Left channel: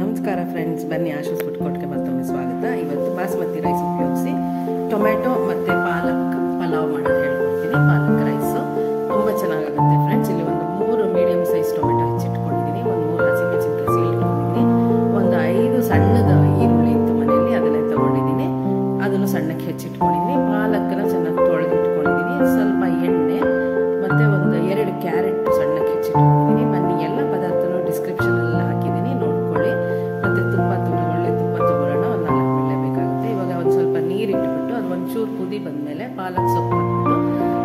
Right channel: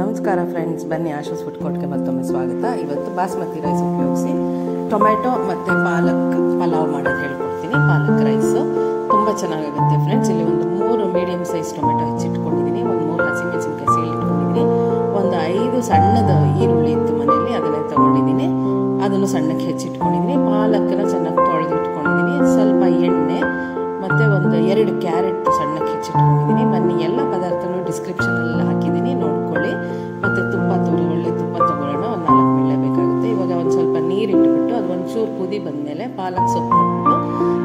ನಮಸ್ಕಾರ ಫ್ರೆಂಡ್ಸ್, ಬನ್ನಿ ಆಶಾಸ್ ಫುಡ್ ಕೋರ್ಟ್ಗೆ ಮತ್ತೊಮ್ಮೆ ಸ್ವಾಗತ. ಇವತ್ತು ಬಾಸ್ಮತಿ ರೈಸ್ ಉಪಯೋಗಿಸಿ ಟೊಮೆಟೊ ಮತ್ತು ಪಾಲಕ್ ಪಲಾವ್ ಮಾಡೋದು ಹೇಳ್ಕೊಡ್ತೀನಿ. ಪಾಲಕ್ ರೈಸು ತುಂಬ ಚೆನ್ನಾಗಾಗುತ್ತೆ ಫ್ರೆಂಡ್ಸ್. ಇಲ್ಲಿ ಒಂದು 3 ಮೀಡಿಯಮ್ ಸೈಜ್ ಟೊಮೆಟೊ ಹೆಚ್ಚಿಟ್ಕೊಂಡಿದ್ದೀನಿ, ಒಂದು 3 ಹಸಿಮೆಣಸಿನ್ಕಾಯಿ ಸೀಳಿಟ್ಕೊಂಡಿದ್ದೀನಿ, ಒಂದು 5 ಸಣ್ಣದ ಈರುಳ್ಳಿ ಇತ್ತು ಮನೆಯಲ್ಲಿ, ಅದನ್ನೇ ತೊಗೊಂಡಿದ್ದೀನಿ, ಅದನ್ನು ಸಣ್ಣಕ್ಕೆ ಹೆಚ್ಚಿಟ್ಕೊಂಡಿದ್ದೀನಿ. ಪಾಲಕ್ಕನ್ನ ಚೆನ್ನಾಗಿ ತೊಳೆದು ಇಟ್ಕೊಂಡಿದ್ದೀನಿ, ಸ್ವಲ್ಪ ಎಣ್ಣೆ ಮತ್ತು ಒಂದು 2 ಕ್ಯಾರೆಟ್ ಸಣ್ಣಕ್ಕೆ ಹೆಚ್ಚಿಟ್ಕೊಂಡಿದ್ದೀನಿ. ಬನ್ನಿ ಎಲ್ಲ ಪದಾರ್ಥನೂ ಡಿಸ್ಕ್ರಿಪ್ಷನಲ್ಲಿ ಹಾಕಿದ್ದೀನಿ, ನೋಡ್ಕೊಳ್ಳಿ. ಮತ್ತು ತುಪ್ಪ ಒಳ್ಳೆ ತುಪ್ಪ ತೊಗೊಳ್ಳೋಣ, ಒಂದು 4 ಮಿಳ್ಳೆ ಬೇಕಾಗುತ್ತೆ. ಇವಾಗ ಒಂದು ಸ್ವಲ್ಪ ನೀರು ಇಟ್ಬಿಟ್ಟು ಅದು ಒಂಚೂರು ಕುದಿ ಬಂದಮೇಲೆ ಪಾಲಕ್ ಸೊಪ್ಪು ಹಾಕ್ಬಿಟ್ಟು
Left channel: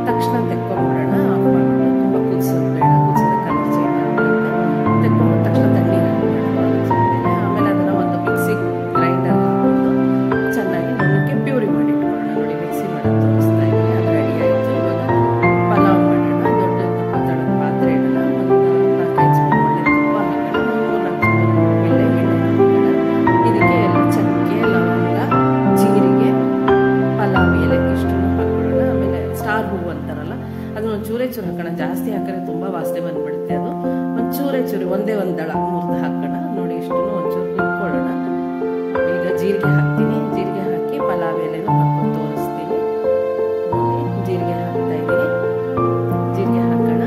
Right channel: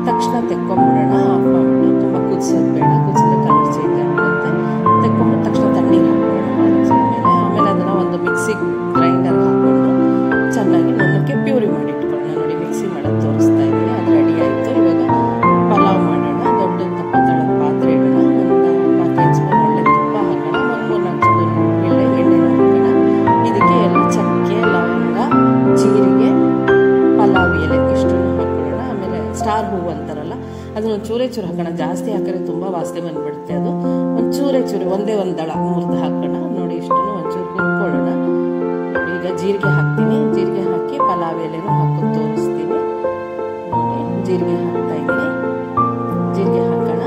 ತಕ್ಷಣ ತೆಕ್ಕೊಂಬಿಡೋಣ. ಆಫ್ ಮಾಡಿಬಿಟ್ಟು ತುಂಬ ಕುದಿಸೋದು ಬೇಡ, ಕುದಿಸಿದ್ರೆ ಕಲರ್ ಚೇಂಜ್ ಆಗಿಬಿಡುತ್ತೆ. ತೆಕ್ಕೊಂಬಿಟ್ಟು ತಕ್ಷಣ ತಣ್ಣೀರು ಹಾಕ್ಬಿಡೋಣ ಪಾಲಕ್ ಸೊಪ್ಪು ಮೇಲೆ. ಆಮೇಲೆ ಅದನ್ನು ಒಂದು ಮಿಕ್ಸಿಗೆ ಗ್ರೈಂಡರ್ ಹಾಕ್ಕೊಂಡು ಚೆನ್ನಾಗಿ ನುಣ್ಣಕ್ಕೆ ಪ್ಯೂರಿ ಮಾಡಿ ಇಟ್ಕೊಳ್ಳೋಣ. ನೋಡಿ, ಮಿಕ್ಸಿ ಮಾಡೋದು ತೋರಿಸ್ತಾ ಇದ್ದೀನಿ, ಅದು ರೆಡಿ ಆಯಿತು. ಇವಾಗ ಪಲಾವ್ ಮಾಡೋಣ. ದೊಡ್ಡ ದಪ್ಪ ತಳದ ಪಾತ್ರೆ ಇಡೋಣ, ಒಂದು 4-5 ಸ್ಪೂನ್ ಒಳ್ಳೆ ತುಪ್ಪ ಹಾಕೋಣ, ಒಂದು 3-4 ಸ್ಪೂನ್ ಎಣ್ಣೆ ಹಾಕೋಣ. ಇದಕ್ಕೆ ಎಲ್ಲ ಚಕ್ಕೆ, ಲವಂಗ, ಜೀರಿಗೆ, ಪಲಾವ್ ಎಲೆ ಇಷ್ಟನ್ನು ಹಾಕೊಳ್ಳೋಣ. ಆಮೇಲೆ ಸ್ಟಾರ್ ಹೂವು ಅಂತಾರಲ್ಲ, ಅದನ್ನ ಒಂದು ಚೂರೇ ಚೂರು ಹಾಕೋಣ. ಜಾಸ್ತಿ ಹಾಕಿದ್ರೆ ತುಂಬ ವಾಸನೆ ಬಂದ್ಬಿಡುತ್ತೆ. ಅದು ಒಂದು ಚೂರೇ ಚೂರು, ಒಂದೇ ಒಂದು ದಳ ಮುರಿದು ಹಾಕೋಣ. ನೋಡಿ, ಇಷ್ಟನ್ನು ಒಂಚೂರು ಹುರ್ಕೊಳ್ಳೋಣ. ನೋಡಿ, ಈಗ ಜೀರಿಗೆ ಹಾಕ್ತೀನಿ. ಜೀರಿಗೆ ಹಾಕಿ ಪಲಾವ್ ಎಲೆನೂ ಹಾಕೊಂಡು ತೋರಿಸ್ತೀನಿ. ನೋಡಿ, ಜೀರಿಗೆ ಹಾಕ್ತಾ ಇದ್ದೀನಿ. ಜೀರಿಗೆ ಹಾಕೋಣ.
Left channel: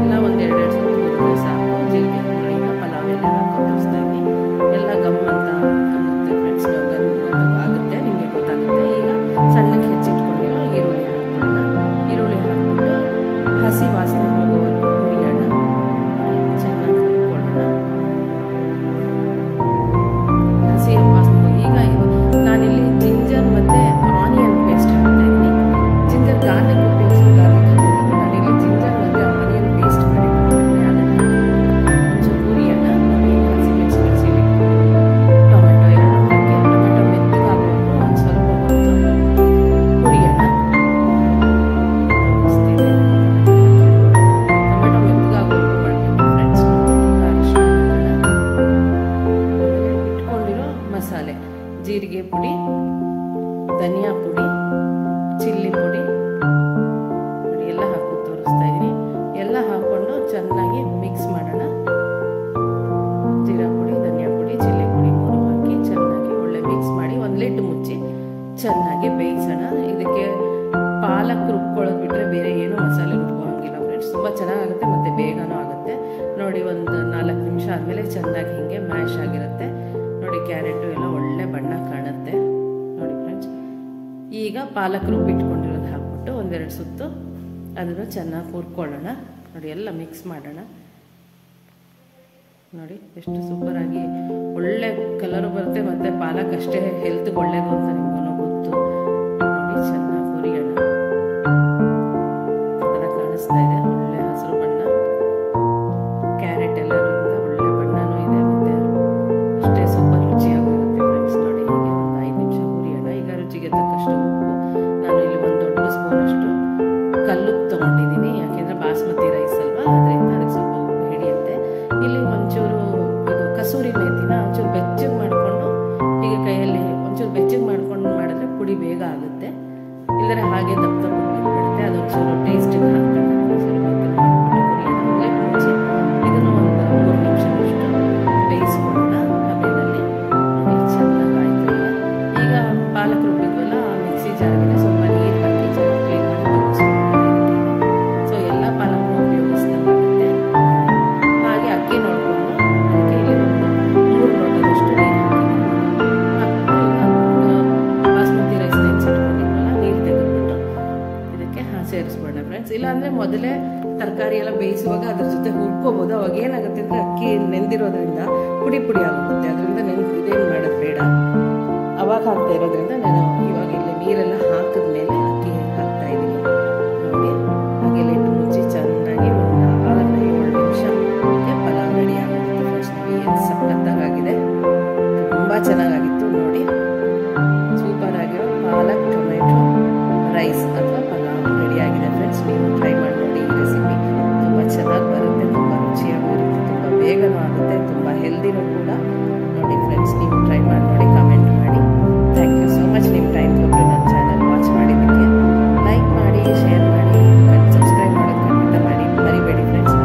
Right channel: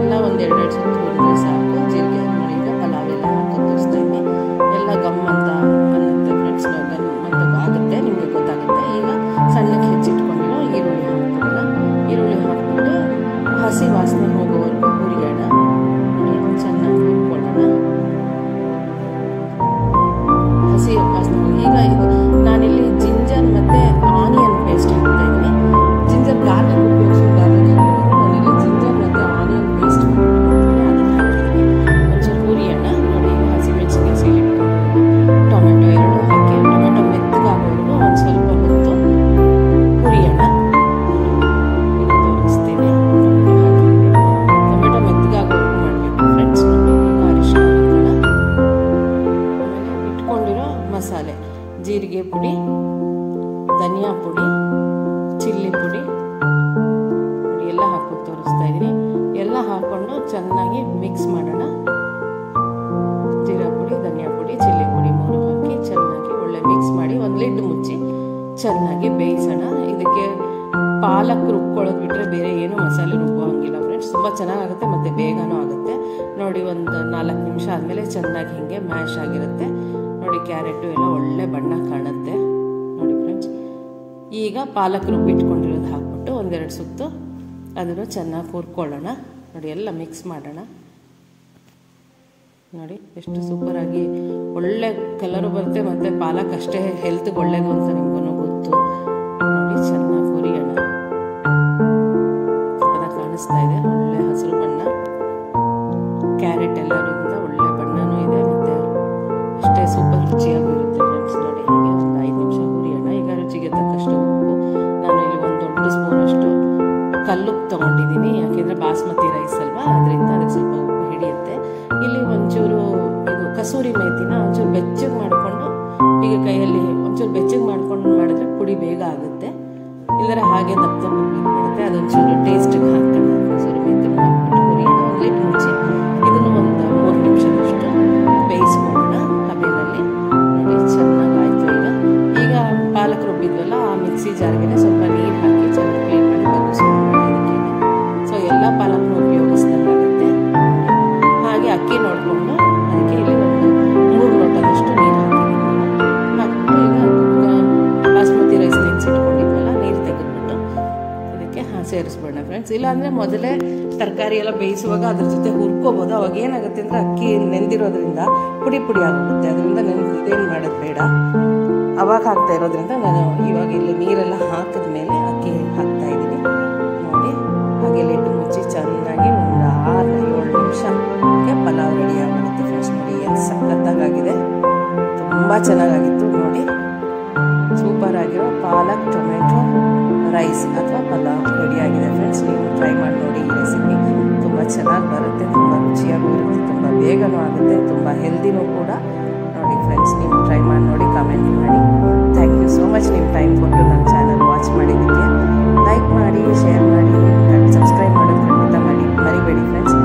ಎಲ್ಲ ಒಂದು 2 ಸುತ್ತು ಹುರಿದ್ರೆ ಸಾಕು. ಜೀರಿಗೆ ನೋಡಿ, ಈಗ ಪಲಾವ್ ಎಲೆ ಹಾಕೊಂಡು ತೋರಿಸ್ತಾ ಇದ್ದೀನಿ. ಎಲ್ಲ ಗಮ್ ಅಂತ ಅನ್ನುತ್ತೆ ಫ್ರೆಂಡ್ಸ್, ಅಂತ ಆಗುತ್ತೆ, ನಿಮಗೆ ಗೊತ್ತಾಗುತ್ತೆ. ಈಗ ಸಣ್ಣಕ್ಕೆ ಹೆಚ್ಚಿಟ್ಕೊಂಡಿರೋ ಈರುಳ್ಳಿ ಹಾಕ್ಬಿಡೋಣ. ಈರುಳ್ಳಿ ಹಾಕ್ಬಿಟ್ಟು ಹಸಿ ವಾಸನೆ ಹೋಗೋವರೆಗೂ ಹುರಿಯೋಣ. ನೋಡಿ, ಚೆನ್ನಾಗಿ ಹುರ್ಕೊಳ್ಳೋಣ. ಹಸಿ ವಾಸನೆ ಹೋಗಿ ಈಗ ಇದು ನಾನಿಲ್ಲಿ ಜಿಂಜರ್ ಮತ್ತು ಆನಿಯನ್ ಪೇಸ್ಟ್ ಹಾಕ್ತಾ ಇದ್ದೀನಿ. ಜಿಂಜರ್ ಗಾರ್ಲಿಕ್ ಉಪಯೋಗಿಸಿ ಗಾರ್ಲಿಕ್ ಹಾಕೋದು. ನಾನಿಲ್ಲಿ ಜಿಂಜರ್ ಮತ್ತು ಆನಿಯನ್ ಪೇಸ್ಟ್ ಮಾಡಿಟ್ಕೊಂಡಿದ್ದೀನಿ, ಅದನ್ನು ಹಾಕಿದ್ದೀನಿ. ಒಂಚೂರು ಹುರಿಯೋಣ. ನೋಡಿ, ಈಗ ಹಸಿಮೆಣಸಿನ್ಕಾಯಿ ಸೀಳಿಟ್ಕೊಂಡು ಟೊಮೆಟೊ 2 ಹಾಕಿ ಟೊಮೆಟೊ ಮೆತ್ತಗಾಗೋವರೆಗೂ ಒಂದು ಸ್ವಲ್ಪ ಹೊತ್ತು ಹುರಿಯೋಣ. ತೋರಿಸ್ತೀನಿ, ಟೊಮೆಟೊ ಮೆತ್ತಗಾಗೋವರೆಗೂ ಮಾಡಬೇಕು ಫ್ರೆಂಡ್ಸ್. ಈಗ ಅರಿಶಿನ ಹಾಕೋಣ. ಆಮೇಲೆ ಇಟ್ಕೊಂಡಿರೋ ಮಸಾಲೆ, ಜೀರಿಗೆ ಪುಡಿ, ಧನಿಯಾ ಪುಡಿ, ಚಿಲ್ಲಿ ಪುಡಿ, ನೋಡಿ ಎಲ್ಲ ಹಾಕೋದು ತೋರಿಸ್ತಾ ಇದ್ದೀನಿ. ಎಲ್ಲ ಹಾಕ್ಕೊಂಡು ಚೆನ್ನಾಗಿ ಮಿಕ್ಸ್ ಮಾಡೋಣ. ಜೀರಾ ಪುಡಿ, ಧನಿಯಾ ಪುಡಿ, ಚಿಲ್ಲಿ ಪುಡಿ 3 ಹಾಕಿ ಚೆನ್ನಾಗಿ ಒಳ್ಳೆ ಮಿಕ್ಸ್ ಮಾಡಿ ಒಂದು ಲಿಡ್ ಮುಚ್ಚಿ ಚೆನ್ನಾಗಿ ಬೇಯಿಸೋಣ. ಇದಕ್ಕೆ ಪಾಲಕ್ ರುಬ್ಕೊಳ್ಳೋದು ಬಿಟ್ಟರೆ ಬೇರೆ ಏನು ಮಸಾಲೆ ರುಬ್ಬೋ ಹಂಗಿಲ್ಲ ಫ್ರೆಂಡ್ಸ್. ತುಂಬ ಚೆನ್ನಾಗಾಗುತ್ತೆ ಮತ್ತು ಬೇಗನೂ ಆಗುತ್ತೆ. ನೋಡಿ, ಒಂದು 4 ನಿಮಿಷ ಆದಮೇಲೆ ಚೆನ್ನಾಗಿ ಹೀಗೆ ಮ್ಯಾಶ್ ಆಗಿರುತ್ತೆ. ನೋಡಿ, ಕ್ಯಾರೆಟು ಎಲ್ಲ ಒಳ್ಳೆ ಬಣ್ಣ ಕಾಣುತ್ತೆ. ನೋಡಿ ಫ್ರೆಂಡ್ಸ್, ಈಗ ಪಾಲಕ್ ರುಬ್ಬಿಟ್ಕೊಂಡಿರೋದು ಹಾಕ್ಬಿಟ್ಟು 1-2 ಸುತ್ತು ಅದನ್ನು ಚೆನ್ನಾಗಿ ಹುರ್ಕೊಳ್ಳೋಣ. ನೋಡಿ, ಎಲ್ಲ ಮಿಕ್ಸ್ ಮಾಡೋಣ. ನೋಡಿ, ಎಷ್ಟು ಸೂಪರಾಗಿ ಒಳ್ಳೆ ಕಲರು ಬರುತ್ತೆ, ಮತ್ತು ಪಾಲಕ್ ಅಷ್ಟೇ ಹೆಲ್ತ್ಗೆ ಒಳ್ಳೇದು ಅಂತ ನಿಮ್ಗೂ ಗೊತ್ತು. ನೋಡಿ, ಚೆನ್ನಾಗಿ ಹುರಿಯೋಣ. ಚೆನ್ನಾಗಿ ಕಾಣಿಸ್ತಾ ಇದೆ, ಒಳ್ಳೆ ಹಸಿರು ಬಣ್ಣ. ಕ್ಯಾರೆಟ್ ಎಲ್ಲರಿಂದ ಒಳ್ಳೆ ಬಣ್ಣನೂ ಇದೆ, ಮತ್ತು ಅಷ್ಟೇ ಸೂಪರ್ ರುಚಿಯಾಗೂ ಇರುತ್ತೆ ಫ್ರೆಂಡ್ಸ್. ನೋಡಿ, ಹೀಗೆ ಒಂದು 5 ನಿಮಿಷ ಹುರಿಯೋಣ. ಈಗ ರುಚಿಗೆ ತಕ್ಕಷ್ಟು ಉಪ್ಪು. ನಾನು ಇಲ್ಲಿ ಒಂದು ದೊಡ್ಡ ಸ್ಪೂನಷ್ಟು ಕಲ್ಲುಪ್ಪು ತೊಗೊಂಡಿದ್ದೀನಿ, ಯಾಕೆಂದರೆ ಬಾಸ್ಮತಿ ರೈಸ್ ಅಲ್ವಾ, ಅದರಿಂದ ಅದಕ್ಕೆ ಸ್ವಲ್ಪ ಉಪ್ಪು ಹಿಡಿಯುತ್ತೆ. ಇಲ್ಲಿ ಒಂಚೂರು ಇದು ಕಸೂರಿ ಮೇಥಿನ ಒಂಚೂರು ಬೆಚ್ಚಗೆ ಮಾಡಿಕೊಂಡು ಈಗ ಕೈಯಲ್ಲಿ ಒಂಚೂರು ಬೆಚ್ಚಗೆ ಮಾಡ್ಕೊಂಡು ಮಾಡಿದ್ರೆ ಪುಡಿ ಬೇಗ ಆಗುತ್ತೆ. ಇಲ್ಲದ್ರೆ ಹಾಗೆ ದಪ್ಪ ಬಿಟ್ಬಿಡುತ್ತೆ. ಅದೊಂಚೂರು ಟೇಸ್ಟಿಗೆ ಹಾಕೋಣ. ಕಸೂರಿ ಮೇಥಿನ ಹಾಕ್ಬಿಟ್ಟು ಹುರಿಯೋಣ. ಒಂದು ಲಿಟ್ ಮುಚ್ಚಿ ಇದನ್ನು ಒಂದು 3 ನಿಮಿಷದಷ್ಟು ಬೇಯಿಸ್ಕೊಳ್ಳೋಣ ಹಬೆಯಲ್ಲಿ. ನೋಡಿ, ಚೆನ್ನಾಗಾಯಿತು. ಈಗ ಪಾಲಕ್ ರುಬ್ಬಿದ್ವಲ್ಲ, ಆ ಮಿಕ್ಸಿ ಜಾರ್ಗೆ ಸ್ವಲ್ಪ ನೀರು ಹಾಕಿ ಚೆನ್ನಾಗಿ ಕ್ಲೀನ್ ಮಾಡಿ ಬಗ್ಗಿಸ್ಕೊಳ್ಳೋಣ. ಸೊ ಎಲ್ಲ ಪಾಲಕ್ನ ಉಪಯೋಗಿಸ್ದಂಗಾಗುತ್ತೆ. ಹಾಗೆ ಅಕ್ಕಿ ನೋಡಿಕೊಂಡು ಅದಕ್ಕೆ ಇಲ್ಲಿ ಒಂದು 3 ಲೋಟದಷ್ಟು ನೀರು ಹಾಕಿದ್ದೀನಿ. ಹಾಕ್ಬಿಟ್ಟು ಈಗ ಬಾಸ್ಮತಿ ರೈಸ್ ನೆನೆಸಿಟ್ಕೊಂಡಿದ್ವಲ್ಲ, ನೀರು ತೆಗೆದ್ಬಿಟ್ಟು ಇದಕ್ಕೆ ಸೇರಿಸ್ಬಿಡೋಣ ಫ್ರೆಂಡ್ಸ್. ಇಲ್ಲಾಂದರೆ ಮೊದಲೇ ತರಕಾರಿ ಎಲ್ಲ ಬೇಯಿಸುವಾಗ ಅದ್ರ ಜೊತೆ ಹುರ್ಕೋಬೋದು. ಅವಾಗ ಏನಾಗುತ್ತೆ ಅಂದರೆ ಅಕ್ಕಿ ನೆಂದಿರೋದ್ರಿಂದ ಪುಡಿ ಪುಡಿ ಆಗೋಗುತ್ತೆ. ಅದರಿಂದ ಇದೇನು ಮಾಡೋದು ಬೇಡ. ಅವಾಗ ಹಾಕ್ತಾ ಇರೋದ್ರಿಂದ ನಾನು ಇವಾಗ ಇಲ್ಲಿ ನೀರೆಲ್ಲ ಹಾಕಿದ್ಮೇಲೆ ಅಕ್ಕಿ ಹಾಕ್ತಾ ಇದ್ದೀನಿ. ನೋಡಿ, ಹಾಗೆ ಲಿಡ್ ಮುಚ್ಚಿ ಚೆನ್ನಾಗಿ ಒಂದು 6-7 ನಿಮಿಷಕ್ಕೆ ಪಲಾವ್ ರೆಡಿ ಆಗೋಗುತ್ತೆ ಫ್ರೆಂಡ್ಸ್. ನೋಡಿ, ಏನು ಸಖತ್ತಾಗಿದೆ, ತುಂಬ ಚೆನ್ನಾಗಾಗಿತ್ತು. ನೋಡಿ, ಸೂಪರ್ ಆಗಿರೋ ಪಾಲಕ್ ಟೊಮೆಟೊ ರೈಸ್ ಅಥವಾ ಪಲಾವ್ ರೆಡಿ ಆಗಿದೆ ಫ್ರೆಂಡ್ಸ್. ನೀವು ಟ್ರೈ ಮಾಡಿ ನೋಡಿ. ಈ ರೆಸಿಪಿ ತುಂಬ ಚೆನ್ನಾಗಿ ಬರುತ್ತೆ, ತುಂಬ ರುಚಿಯಾಗೂ ಇರುತ್ತೆ, ತುಂಬ ಬೇಗನೂ ಆಗುತ್ತೆ, ತುಂಬ ಹೆಲ್ದಿನೂ ಕೂಡ. ನೋಡಿ ಫ್ರೆಂಡ್ಸ್, ನೀವು ಟ್ರೈ ಮಾಡಿ ನೋಡಿ, ಕಮೆಂಟ್ ಮಾಡಿ. ಥ್ಯಾಂಕ್ ಯು ಸೋ ಮಚ್ ನಿಮ್ಮ ಟೈಮ್ ಕೊಟ್ಟು ನನ್ನ ಚಾನಲ್ ವಾಚ್ ಮಾಡಿದ್ದಕ್ಕೆ. ಲೈಕ್ ಮಾಡಿ, ಶೇರ್ ಮಾಡಿ, ಸಬ್ಸ್ಕ್ರೈಬ್ ಮಾಡೋದು ಖಂಡಿತ ಮಾಡಿ ಮರಿಬೇಡಿ ಫ್ರೆಂಡ್ಸ್.